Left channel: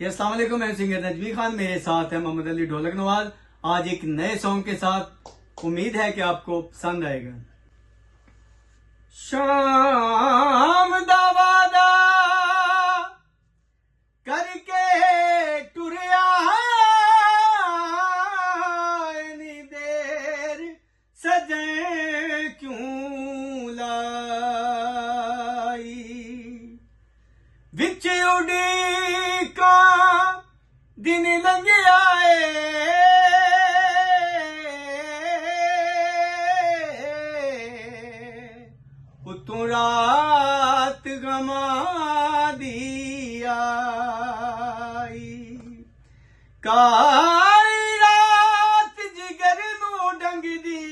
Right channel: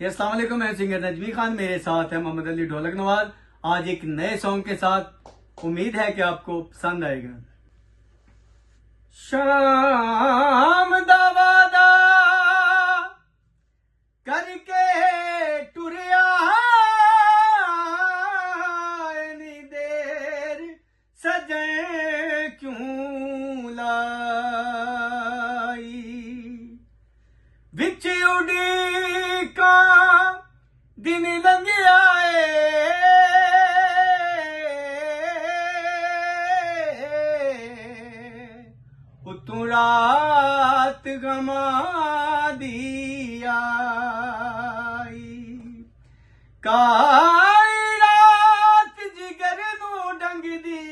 अस्सलाम वालेकुम, मैं सिंगर नजमी खान, मेरे साथ है मोहम्मद अली ढोलक नवाज। आज एक नए सॉन्ग के साथ, उम्मीद है कि आपको पसंद आएगा। शाम दा वादा करके टुरिया इन्नी देर सजन क्यों लाई, विच उड़ीका दिन लंघिया उतों रात गमा दी आई, काली रात जिगर नू डंगदी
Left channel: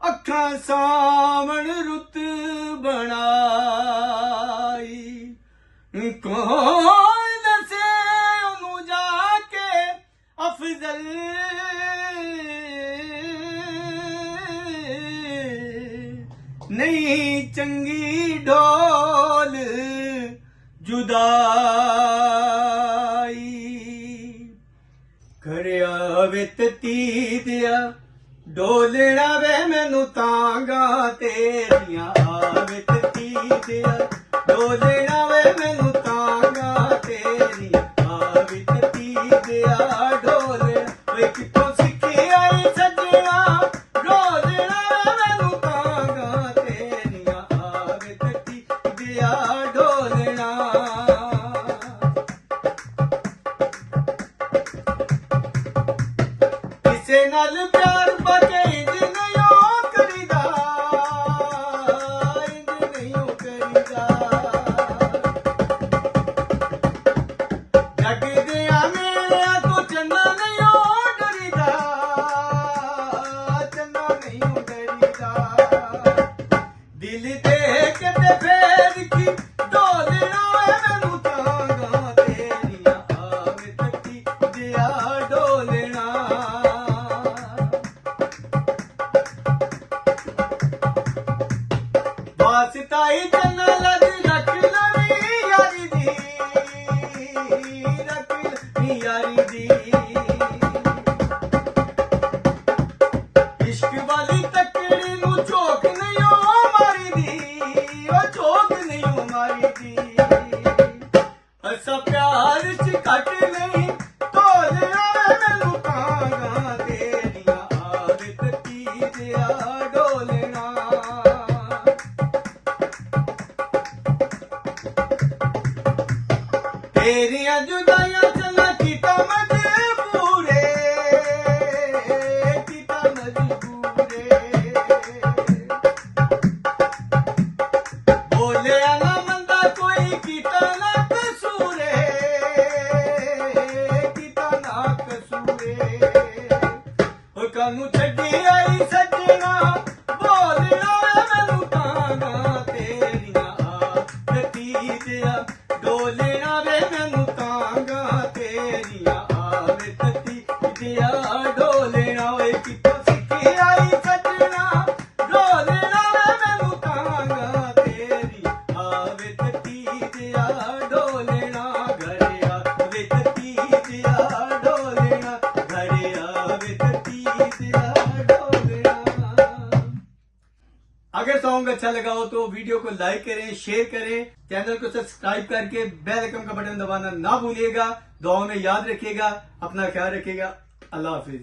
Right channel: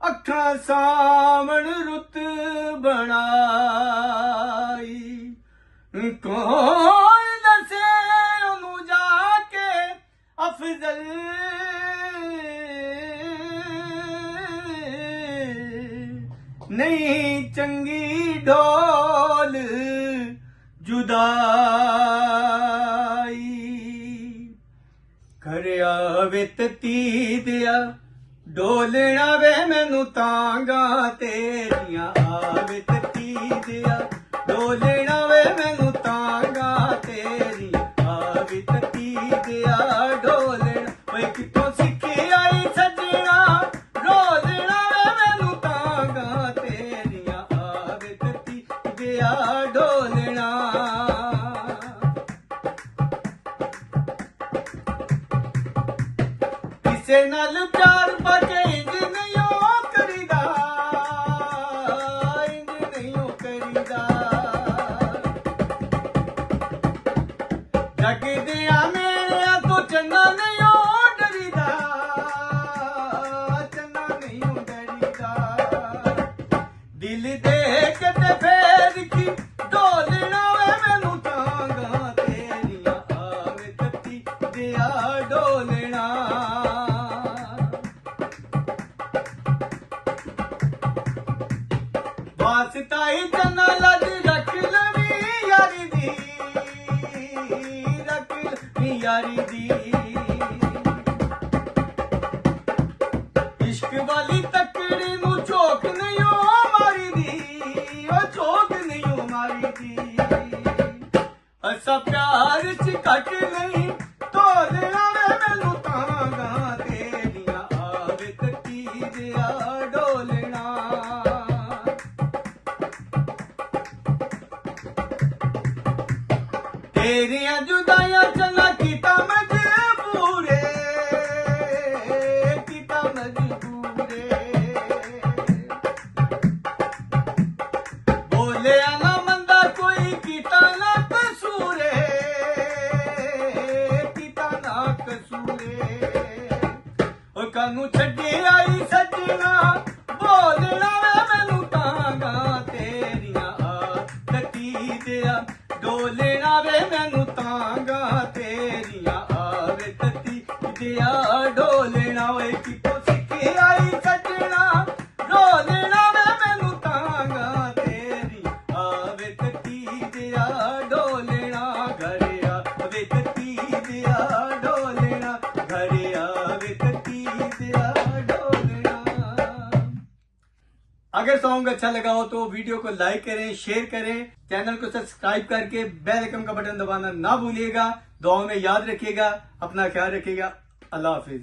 अखां सावण रुत बनाई, कौन दसे ओनू जाके अफजल नहीं चंगी ढोल जुदाई, घर आवे तती दिया डोलना वे मैनू तांगा तेरिया, आवे तती दिया डोलना वे मैनू तांगा तेरिया, आवे तती दिया डोलना वे कितों सीखी आई सजना, डोलना वे मैनू तांगा तेरिया, आवे तती दिया डोलना। किसे नाल प्यार बाके इंज नहीं करीदा, इंज नहीं करीदा, जग दिया मेरिया तो चंगा नहीं डरीदा, चंगा नहीं डरीदा, दिल देख के फेर की डोलना वे मैनू तांगा तेरिया, आवे तती दिया डोलना। वास्ताई चन्ना लज रख लवी यारी दी, रख लवी यारी दी, इश्क वाली तकड़ी नू चोक नहीं मारी दी, ओ चोक नहीं मारी दी, असा प्यार च कट नहीं तोलना वे मैनू तांगा तेरिया, आवे तती दिया डोलना। तेरिया जुदाइयां चला कीता मजबूरे, कीता मजबूरे, बोलिया ना मंदा कोई कीता ना कसूरे, कीता ना कसूरे, और कानू छड्डी आई सजना बोलना मैनू तांगा तेरिया, तती दिया डोलना वे मैनू तांगा तेरिया, आवे तती दिया डोलना, वे कितों सीखी आई सजना, डोलना वे मैनू तांगा तेरिया, आवे तती दिया डोलना, घर आवे तती दिया डोलना, घर आवे तती दिया डोलना। अगर सॉन्ग अच्छा लगा हो तो वीडियो को लाइक करें, शेयर करें, चैनल को सब्सक्राइब करके बेल आइकन का बटन दबाना ना भूलिएगा। दुआ में याद रखिएगा, अपना ख्याल रखिएगा। अल्लाह हाफिज।